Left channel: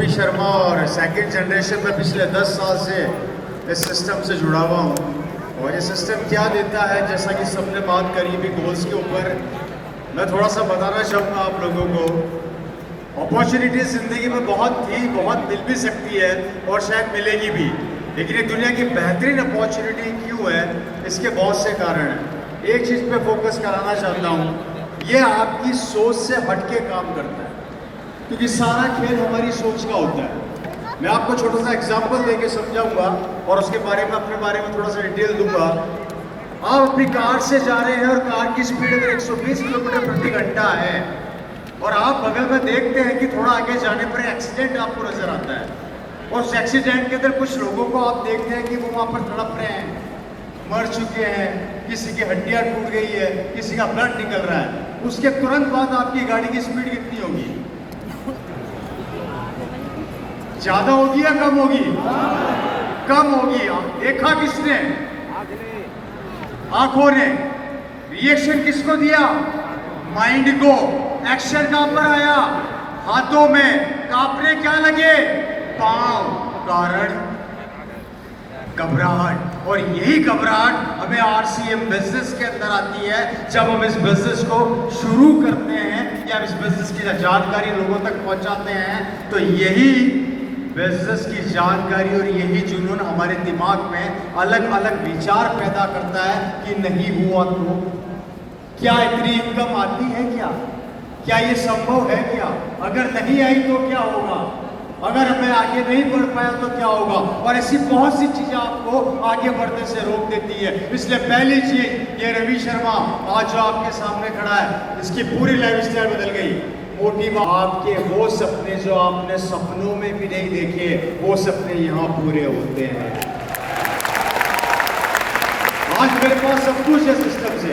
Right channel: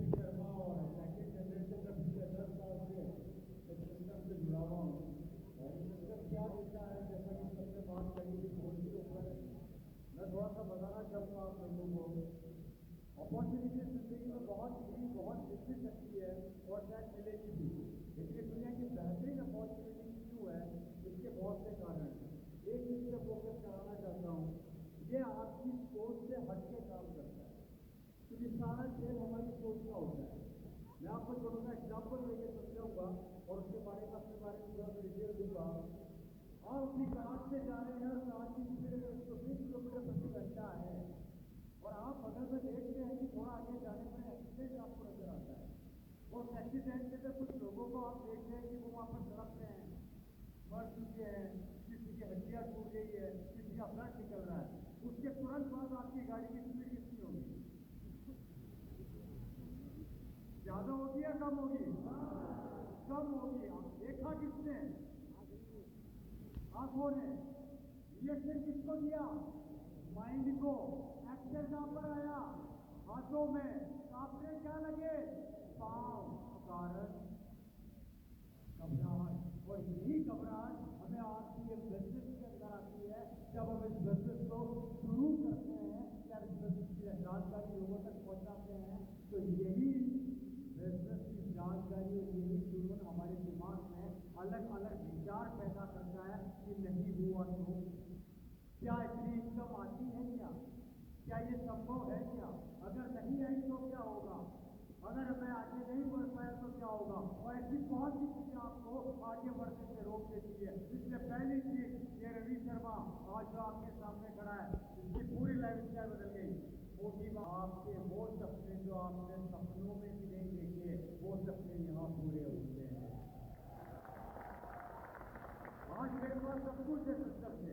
गोपी शर्मा और second generation में पिछले 10 साल से इस सिस्टम से जुड़ा हुआ हूँ। और ये सिस्टम क्या देता है, जैसा कि सबने बात करी भी गोल्स के ऊपर, मैं थोड़ा सा बताना चाहूँगा आप लोगों को। अपॉर्चुनिटी ज़िंदगी में बहुत थी, बहुत मिल भी सकती है और शायद मिलेगी भी, लेकिन ये दुनिया की बेहतरीन अपॉर्चुनिटी क्यों है, इसके बहुत से कारण हैं। एक चीज़ पे फोकस कराना चाहता हूँ, ये आपकी सोच से हटके काम करता है, क्योंकि सारा खेल हमारी सोच का होता है। मैं आपको छोटा सा एग्जांपल देके समझाऊंगा और उसके बारे में अपने बारे में थोड़ा सा डिटेल दूंगा। आप अपनी कार से जा रहे हैं और कार की स्पीड अगर 120 किलोमीटर प्रति घंटा है और आप बगल में देखते हैं कि थोड़ा आगे जाने पर एक्सीडेंट आपको नजर आता है, और उस एक्सीडेंट के अंदर कुछ लोगों को आप देखते हैं कि वो वहाँ पर तड़प रहे हैं, मर चुके हैं, किसी की हड्डियाँ टूट गई है, किसी का ब्लड निकल रहा है। उसके तुरंत बाद आपकी गाड़ी की स्पीड कितनी होगी? ज्यादा होगी या कम होगी? कम होगी। देखा किसने? आंखों ने। रिएक्शन किसको दिया? माइंड को। एक्शन कहां पर आया? हाथों में। कांपने क्या लगे? पांव। कारण घबराहट। और यही घबराहट हमें आरसीएम बिजनेस के अंदर आती है जब हम इस बिजनेस को शुरू करते हैं या इस बिजनेस की जानकारी लोगों तक पहुंचाते हैं। तो यही बिजनेस की जानकारी और यही जुनून हमारे दिमाग में अलग अलग विचार पैदा करता है कि नहीं हुआ तो क्या इतनी इनकम आती है? क्या ये संभव है? क्या अगर नहीं आई तो क्या होगा? अगर मैं आगे नहीं बढ़ पाया तो क्या होगा? और ऐसी बहुत सी चीजें आपको आगे बढ़ने से रोक देती है। इसलिए पहली चीज, ये रवि शर्मा आज जो आपके सामने खड़ा है, इसकी पूरी लाइफस्टाइल बदल गई। मोटिव आपके वो सपने जो आपने सपनों में भी नहीं देखे, वो सपने यहाँ पूरे होते हैं। आज मेरे पास सब कुछ है सिस्टम से।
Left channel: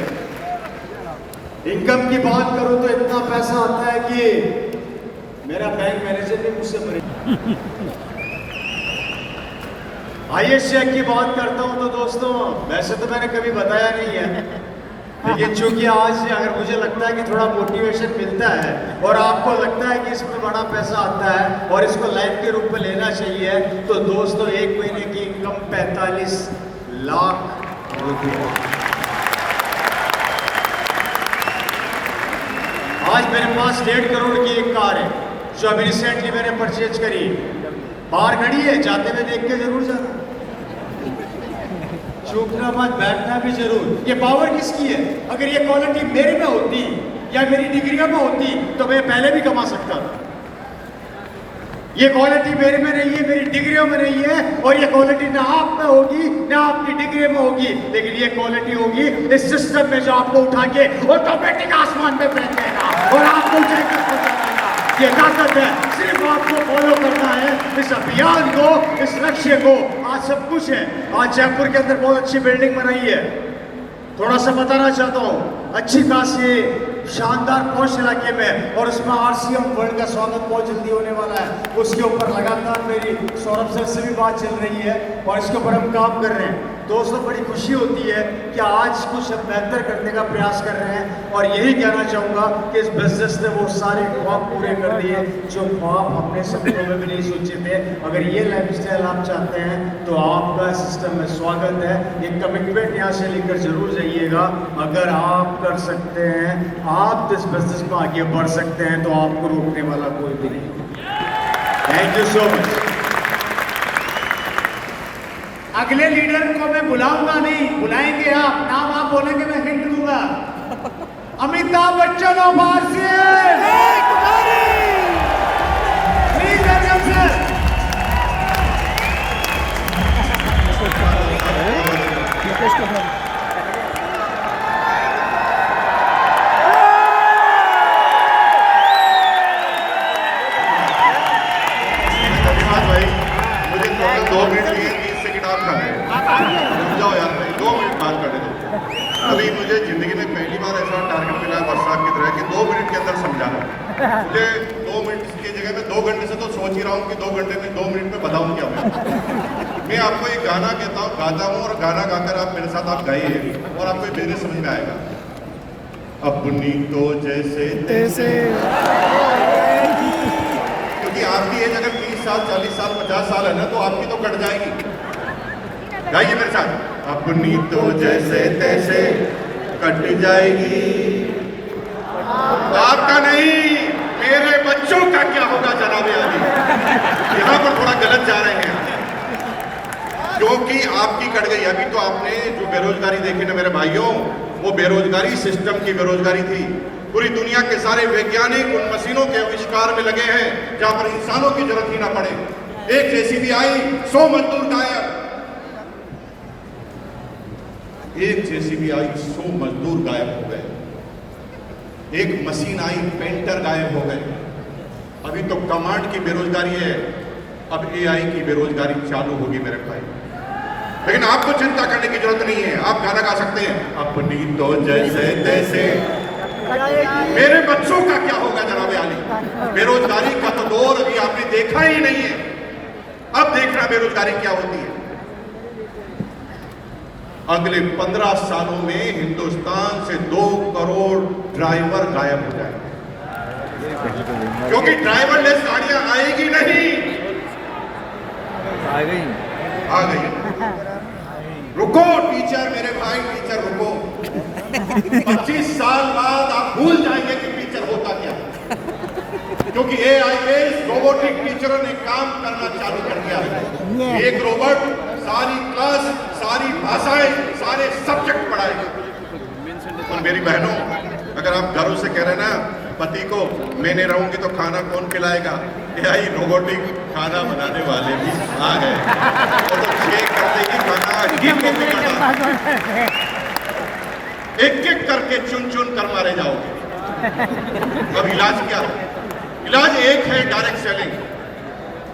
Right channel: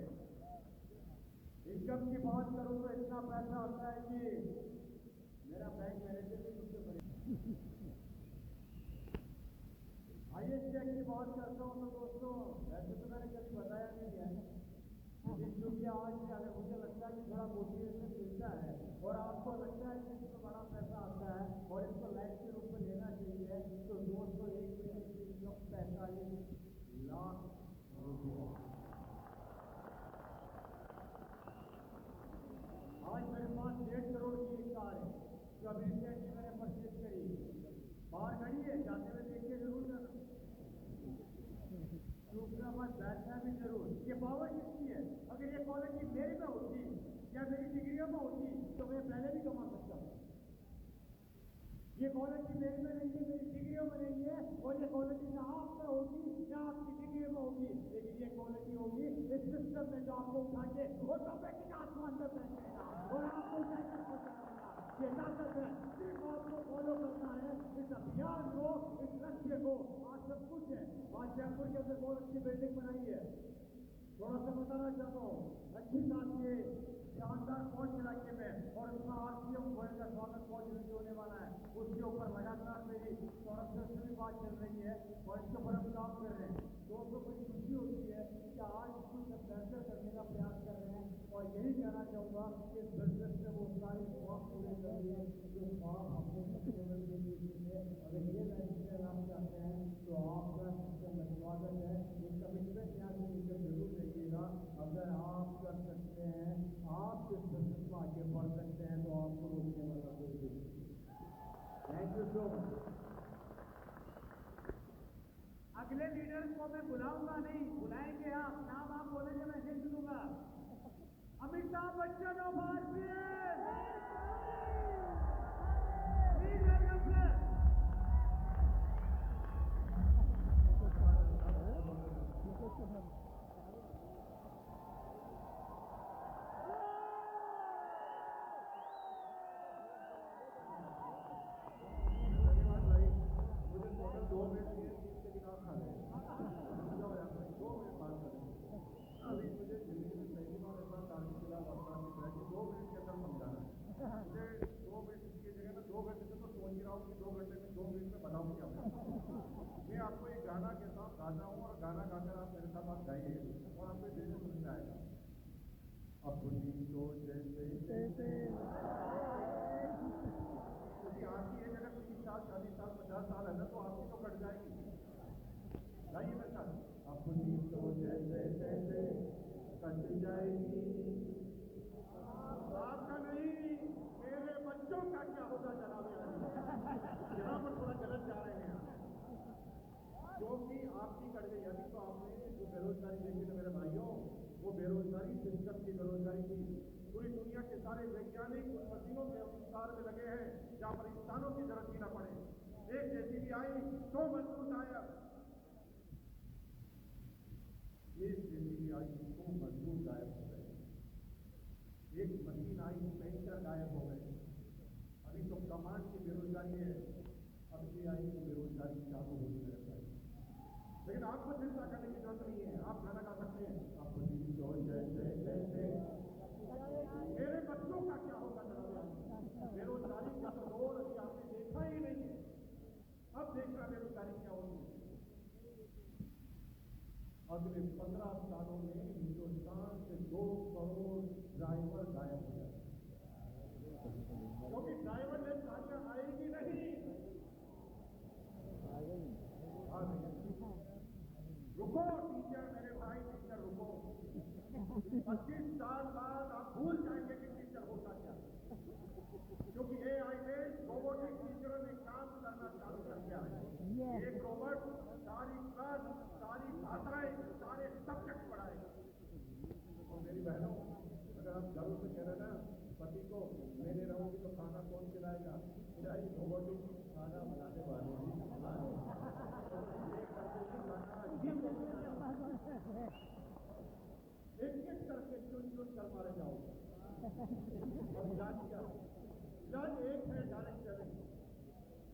इनकम की बात करूं तो इतना पैसा आता है कि मेरा बैंक मैनेजर भी मुझसे बड़े। आईएएस चेक की बात करता हूं तो दोस्तों, वैसे तो मैंने कभी बताया नहीं है, लेकिन चूंकि आज अगर मुझे लगता है कि थोड़ा मोटिवेशन मिलता है और आपको लगता है कि इसमें बड़ा पैसा आता है और इसको लाइफ के रूप में लेना चाहिए, तो दोस्तों एक महीने की इनकम 45 लाख रुपए। आज मेरे पास 1.5 करोड़ की एक कार है जो अभी रिसेंटली मैंने परचेज करी। बाहर खड़ी है, जाते हुए देख के जरूर जाना, चूकना मत, बैठना भी जरूर। ये पावर किसकी है? अगर ये क्वालिटी मेरे में होती या मेरी डिग्रियों में होती तो मैं पहले भी कमा सकता था। ये क्वालिटी मेरे में नहीं है, मेरी डिग्रियों में नहीं है, और ये क्वालिटी ना आप में होगी ना आपकी डिग्री में होगी, लेकिन ये क्वालिटी होगी इस सिस्टम में जो आपको उठा के ऑटोमेटिक आसमान में फेंक देगा और आपको ऊंचाई तक पहुंचाएगा। ये ताकत है, सिर्फ आपको फॉलो करना है इस अभियान को, इस लक्ष्य को। आज सब कुछ है। आज जयपुर के अंदर बहुत अच्छी बिल्डिंग बनाई है। थोड़ा सा बताना चाहता हूँ, अच्छी खासी शानदार पॉश इलाके में, और उसमें आरसीएम वर्ल्ड का स्वागत बहुत जल्दी होने वाला है। उसके ऊपर लगातार मेरी सौरभ सर से भी बात चल रही है और इसके ऊपर हम काम कर रहे हैं। दोस्तों बड़ी खुशी होती है कि आज कुछ हम बेहतर करने का प्रयास कर रहे हैं, और यही कहना चाहूँगा कि इस बिजनेस ने वो सारे ख्वाब पूरे कर दिए जो ख्वाब हमने सपनों में भी नहीं सोचे थे। अगर ये लाइफस्टाइल आप चाहते हैं तो आपका सिस्टम में स्वागत है। एक कमिटमेंट यहाँ से लेकर जरूर जाइएगा। अगर आप कर सकते हैं, आप इस बिजनेस में आगे बढ़ सकते हैं, तो आपको रोकने वाला कोई भी नहीं। Thank you so much. अगले लीडर को मैं बुलाऊंगा नहीं, बुलाएंगे आप। नाम आप बोलेंगे, मैं हिंट दूंगा। Amitabh Bachchan of RCM. Please welcome sir. धन्यवाद भाई, मुझे टोटल 2 मिनट लिए, 30 सेकंड आप खा रहे हैं। रुक जाओ यार भाई, 2 मिनट बात करने दो। अभी मुझे जिंदगी में पहली बार ऐसा टारगेट मिला है वर्षाक की तरह कि 2 मिनट के अंदर समझाना। मुझे 2 मिनट की जगह में 2 घंटे से तो सोच ही रहा हूँ कि 2 घंटे में 2 मिनट में बताऊँ क्या मैं आपको एक गाना कहता हूँ, गाता हूँ, और गाना गाकर आप मेरे साथ आप गाइए और आपको मेरे समझ में आएगा। अपनी तो जैसे तैसे, क्योंकि आपकी एज अगर 30 साल 40 साल 50 साल है ना, तो आपकी तो कट जाएगी। गाइए मेरे साथ, अपनी तो जैसे तैसे कट जाएगी, आपका नहीं, मेरे बच्चों का क्या होगा जनाब आली। यहां पर थोड़ा गलत जा रहे हैं, क्योंकि आपकी कट गई। अभी तो आपने जो बेरोजगारी देखी ना मेरे भाइयों, वो बेरोजगारी सिस्टम की बेरोजगारी थी। पूरी दुनिया के सारे वैज्ञानिक उन मशीनों के आविष्कार में लगे हैं जहां पर इंसानों की जरूरत ही ना पड़े। एक जेसीबी आई, 100 मजदूर गायब। एक जेसीबी आई, 100 मजदूर गायब हो गए। एक मशीन आई, पेंटर गायब हो गए। अभी तो कमांड की बेरोजगारी है, अब एआई की बेरोजगारी चालू होगी मेरे भाई। लेकिन आपको चिंता करने की जरूरत नहीं है, आप गाना गा सकते हैं, अपनी तो जैसे तैसे। मेरे बच्चों का क्या होगा जनाब आली। बेरोजगारी का तो दौर अभी आपने देखा ही नहीं है, अब देखना बेरोजगारी क्या होती है। अगले 15 सालों में हिंदुस्तान से 2 करोड़ ड्राइवर गायब हो जाएंगे, क्योंकि ड्राइवरलेस गाड़ियां आएगी नहीं। आ गई। रुको टीचर, मेरे भाई टीचर रुको। 25 साल बाद आप भूल जाएंगे कि टीचर होता क्या, क्योंकि एआई बेस्ड रोबोटिक टीचरों ने काम करना चालू कर दिया है। एक रोबोट सारी क्लास, सारी भाषाएं, सारे सब्जेक्ट पढ़ाएगा। और मेरी बहनों, अगर आप घरों से कह रहे हैं ना पति को, मैं नहीं रहूंगी तो खाना कौन खिलाएगा, एआई रोबोटिक खाना बनाने वाले भी आ गए। वो तो चेक करते ही खाना एक एक करके चुन चुन कर मारे जाओगे। अब इलाज क्या है? इलाज एक है, डायरेक्ट सेलिंग।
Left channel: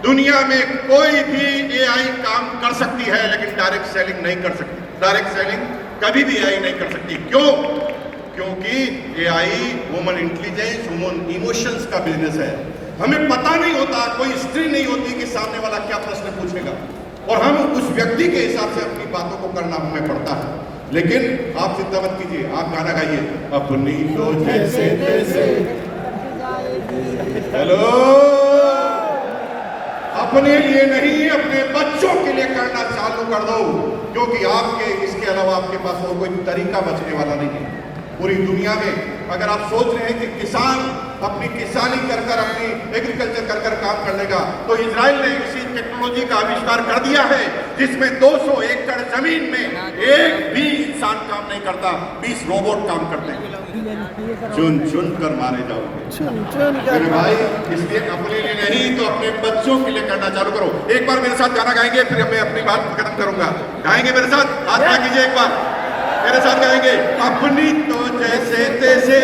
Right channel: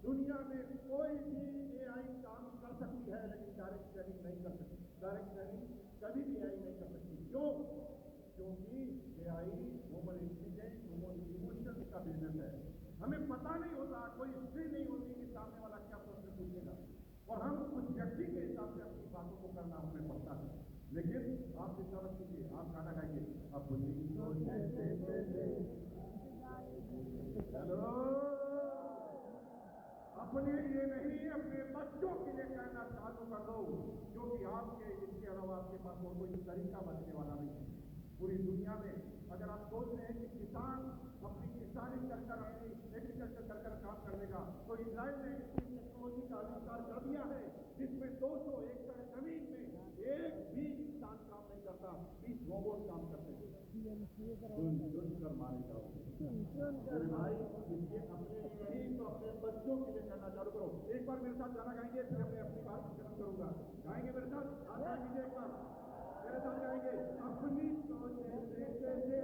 दुनिया में कोई भी एआई काम कर सकती है, लेकिन डायरेक्ट सेलिंग नहीं कर सकती। डायरेक्ट सेलिंग कभी भी एआई नहीं कर सकती। क्यों? क्योंकि AI human intelligence, human emotions का बिजनेस है। हमें पता नहीं होता, कोई हिस्ट्री नहीं होती कि सामने वाला क्या प्रश्न पूछेगा, और हम उस व्यक्ति के हिसाब से अपनी बातों को करना हमें पड़ता है। लेकिन आप चिंता मत कीजिए, आप गाना गाइए, अपनी तो जैसे तैसे। हेलो, अपने लिए नहीं, अपने बच्चों के लिए करना चालू कर दो, क्योंकि आपके इसके अलावा आपके पास और कोई तरीका बचने वाला नहीं है। पूरी दुनिया में अगर आप सोच रहे हैं कि किसान अपनी किसानी कर कर, अपनी एग्रीकल्चर कर कर काम कर लेगा, तो इजराइल ने इसी टेक्नोलॉजी का आविष्कार कर दिया है, जिसमें 200 एकड़ जमीन में एक भी इंसान काम नहीं करता, 20 रोबोट काम करते हैं। चुन चुन कर मारे जाओगे मेरे भाई। इसलिए अपने लिए नहीं तो अपने बच्चों के लिए करना चालू करो। एक बार मेरे साथ गाना गाएंगे, फिर मैं अपनी बात खत्म करूंगा। गाएंगे मेरे साथ, हाथ ना कीजिए, एक बार मेरे साथ गाएंगे, अपनी तो जैसे तैसे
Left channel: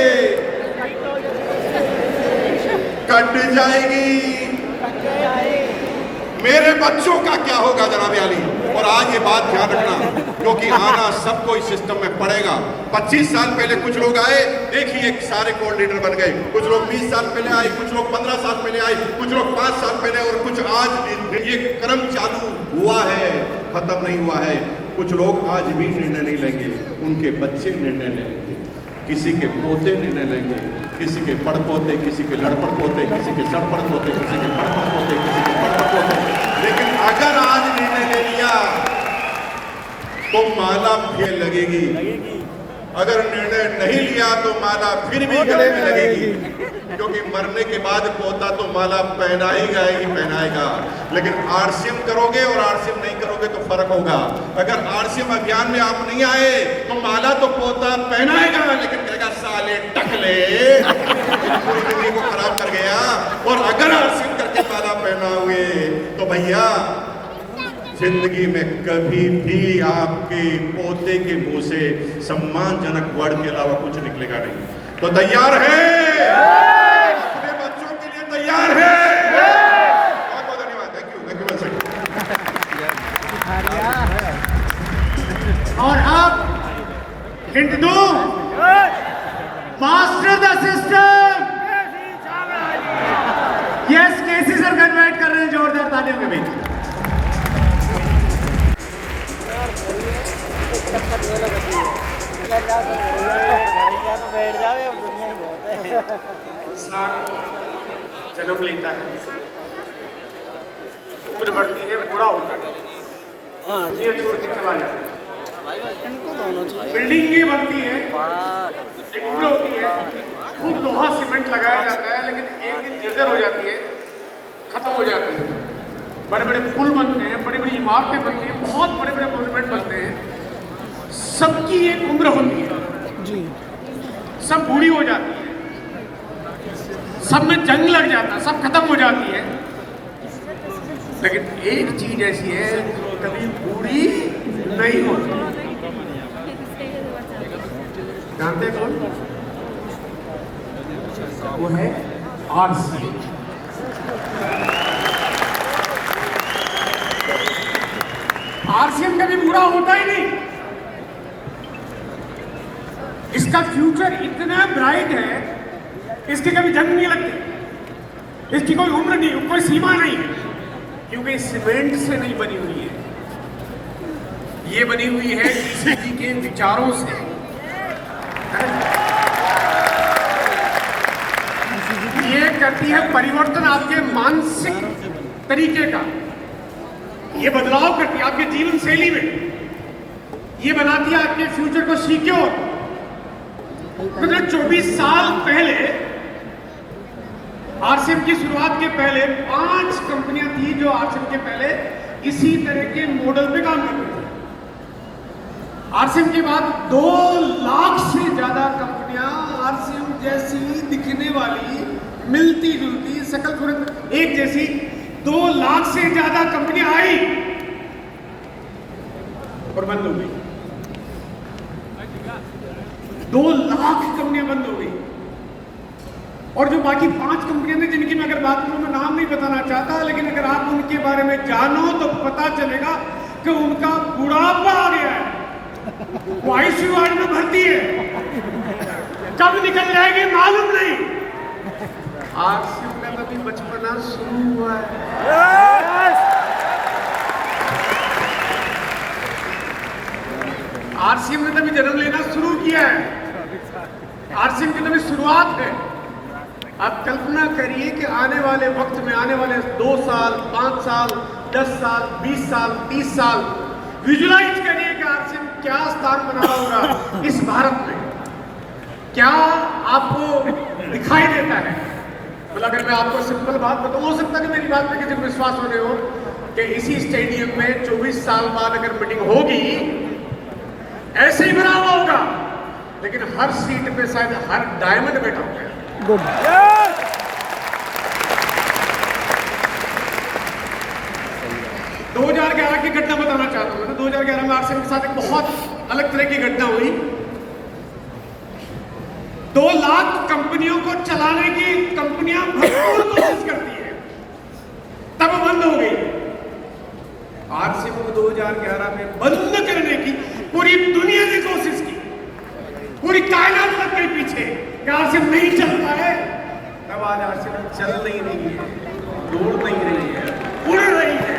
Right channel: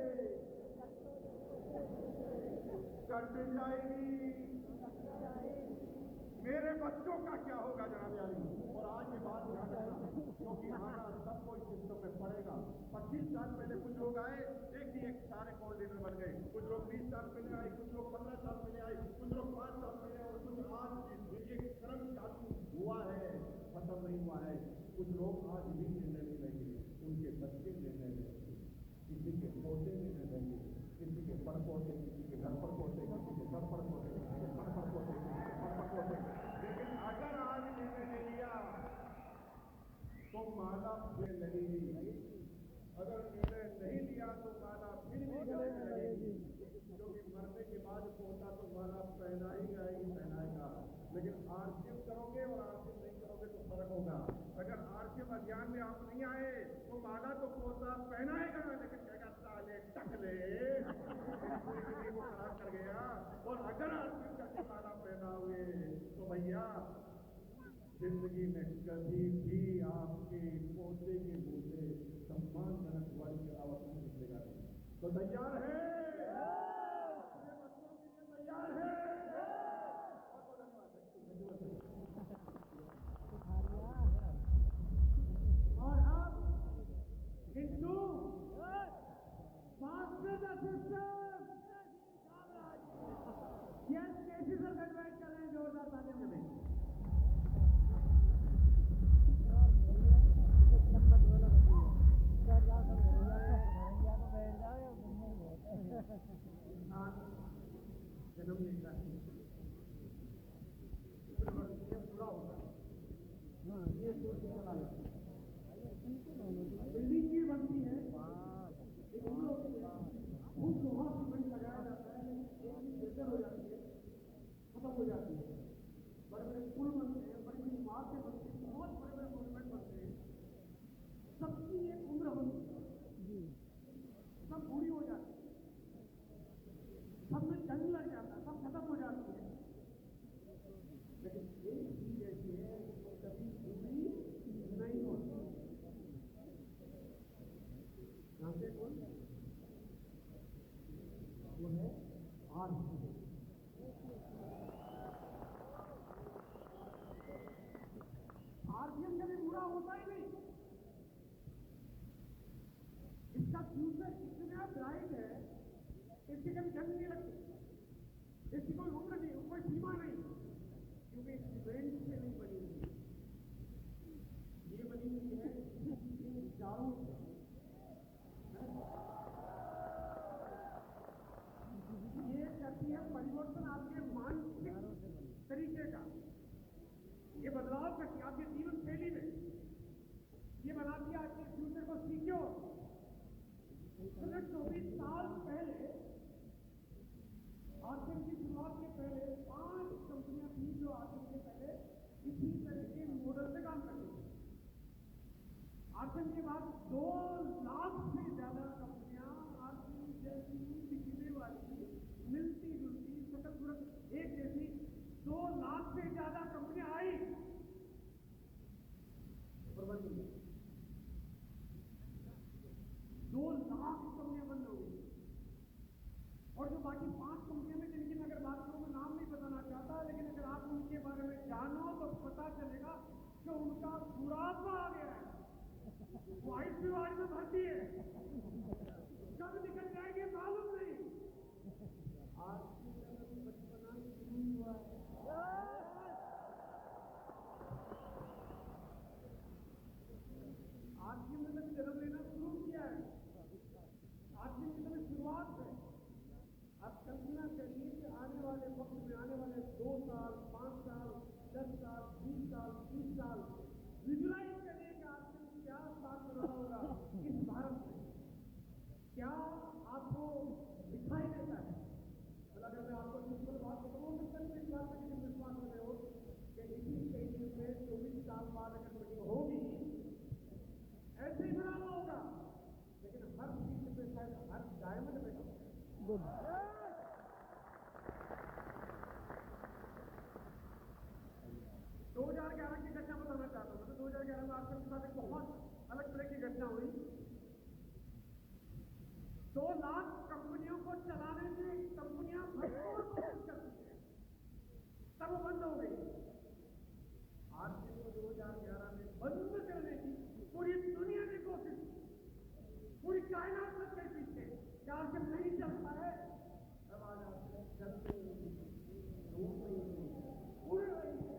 कट जाएगी, मेरे बच्चों का क्या होगा जनाब आली। और आज ये बात ध्यान रखना, क्योंकि आना सबको इस सिस्टम में पड़ेगा। 25 साल पहले कुछ लोग आए, देखिए सारे कोल्ड लीडर बन गए। कुछ लोग 20 साल पहले आए, कुछ लोग 15 साल पहले आए, कुछ लोग 5 साल पहले, और कुछ आज। ये क्रम चालू हुआ है, खत्म नहीं हुआ है। कुछ लोग आज भी निर्णय नहीं लेंगे, उनके बच्चे निर्णय लेंगे, किसी के पोते निर्णय लेंगे, किसी के पड़पोते, किसी के लड़पड़ पोते, किसी के सड़पड़ पोते, किसी के पड़पड़ पोते, किसी के पड़पड़ पोते। लेकिन अगर आज निर्णय ले लिया तो माला फिर लगेगी, अगर निर्णय नहीं लिया तो माला फिर भी गले में लगेगी, क्योंकि मरने के बाद पोता तो माला पहनाएगा ही पहनाएगा। लेकिन आरसीएम करोगे और आरसीएम नहीं करोगे तो फर्क होगा। अगर आरसीएम अभियान में आप नहीं आए तो माला तो पोता पहनाएगा, लेकिन कहेगा साले टकले, पूरी जिंदगी को खराब कर गया। और अगर आरसीएम करके माला पहना हुए तो भैया जिंदगी में कभी भी आपके पोते के मुंह से सम्मानजनक वर्ड के अलावा कुछ निकलेगा नहीं। तो तैयार है? अपने बच्चों के लिए तैयार है? बहुत बहुत धन्यवाद। Thank you once again. और अब हिंट दूं, master the system. Yes, KC sir को इनवाइट कर रहे हैं जोरदार तालियों के बीच। चलो लेता है बढ़ती है, बूढ़ा होता है, ये छोड़ के चला जाता है। बिल्डिंगें बनती है, एक उम्र होती है, खूब लोहा सीमेंट लगाया जाता है, लेकिन एक दिन जर्जर हो जाती है, खत्म हो जाती है। बड़े बड़े पुल बनते हैं, बड़ी बड़ी इमारतें बनती हैं, बहुत बड़े बड़े मॉन्यूमेंट बनते हैं, सबकी एक उम्र होती है, सब बूढ़ी हो जाती है, सब में जंग लग जाता है, सब खत्म हो जाती है, लेकिन एक चीज ऐसी है जो कभी बूढ़ी नहीं होती। जानते हैं कौन? वो है आरसीएम। आरसीएम कभी बूढ़ा होता ही नहीं। इसका फ्यूचर इतना ब्राइट है, इसके कभी जंग नहीं लगती, इसकी कोई उम्र नहीं, कोई सीमा नहीं है, क्योंकि सीमेंट से नहीं बनी हुई है, ये बनी हुई है किसी जी के विचारों से। ये करती है परिवर्तन आपके मानसिक तरीके का, ये बदलाव करती है आपके जीवन शैली में, ये बनाती है आपके फ्यूचर को सिक्योर। मतलब 24 साल पहले आरसीएम की शुरुआत के पहले 5 कंपनियां थी जो आरसीएम के पहले इसी तरह के मॉडल पे काम करती थी। आरसीएम के बाद 2 लाख से ज्यादा कंपनियां आरसीएम जैसी दिखने वाली, मिलती जुलती, शकल सूरत एक जैसी 2 लाख से ज्यादा कंपनियां आई और बंद हो गई। 2 लाख कंपनियां बंद हो गई, और जो बाकी 5 कंपनियां थी जिनकी मैं अगर बात करूं, मैं नाम नहीं बताना चाहता, लेकिन अगर आप उनके बारे में जानो तो पता चलेगा कि उनका बुढ़ापा आ गया है, वो आईसीयू वार्ड में भर्ती है, कब निकल जाएगी मालूम नहीं। आरसीएम का तो भी बचपना शुरू हुआ है। आरसीएम ने तभी जन्म लेना शुरू किया है, आरसीएम की तभी शुरुआत है। आप कल्पना करिए कि आने वाले वक्त में, आने वाले 2 साल, 5 साल, 10 साल, 20 साल, 30 साल, विजुलाइज करिए कि आरसीएम क्या स्थान बना होगा इस भारत में, क्या आपको दिखाई देता है। मतलब अगर मैं आपको सिंपल बात बताऊं, हो सकता है कि मेरी बात में किसी को विश्वास होने हो कि इसी स्टेडियम में 24 साल बाद अगर मीटिंग होगी, ऐसे ही बना हुआ होगा, लेकिन हर सीट पे शायद हर डायमंड बैठा होगा। 2011 की घटना बताना चाहता हूं। 2011 में आरसीएम के साथ एक बहुत अलग तरह की घटना हुई। 2 लाख कंपनियों को चलाने की कंपनियां भरपूर कोशिश करती है, तब बंद हो गई। आरसीएम को 2011 में बंद करने की पूरी दुनिया ने कोशिश की, पूरी कायनात लग गई पीछे कि आरसीएम नहीं चलता है। तब आज आरसीएम चल नहीं रही है, दौड़ नहीं रही है, उड़ रही है।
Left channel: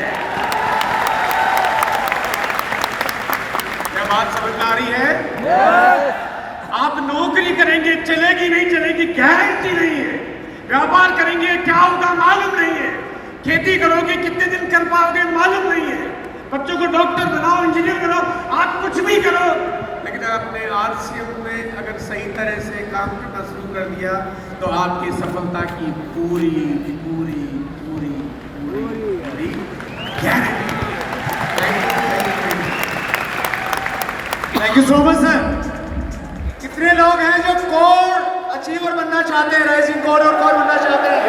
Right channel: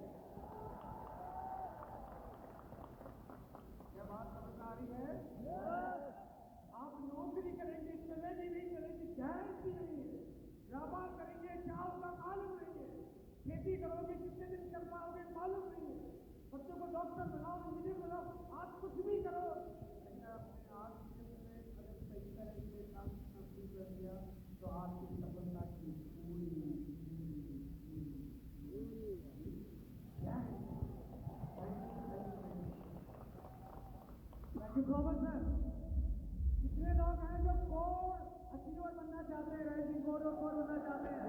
क्या बात समझ में आ रही है? आप नौकरी करेंगे, चलेगी नहीं चलेगी गारंटी नहीं है, व्यापार करेंगे क्या होगा मालूम नहीं है, खेती करोगे कितने दिन कर पाओगे मालूम नहीं है, बच्चों को डॉक्टर बनाओ, इंजीनियर बनाओ, आप कुछ भी करो, लेकिन आपने आरसीएम में अगर सही तरह से काम करना शुरू कर दिया तो आपकी सफलता की पूरी पूरी पूरी पूरी पूरी guarantee. Thank you so much sir. कितने लोग हैं जो कोर अचीवर बनना चाहते हैं, राइजिंग कोर और कोर बनना चाहते हैं?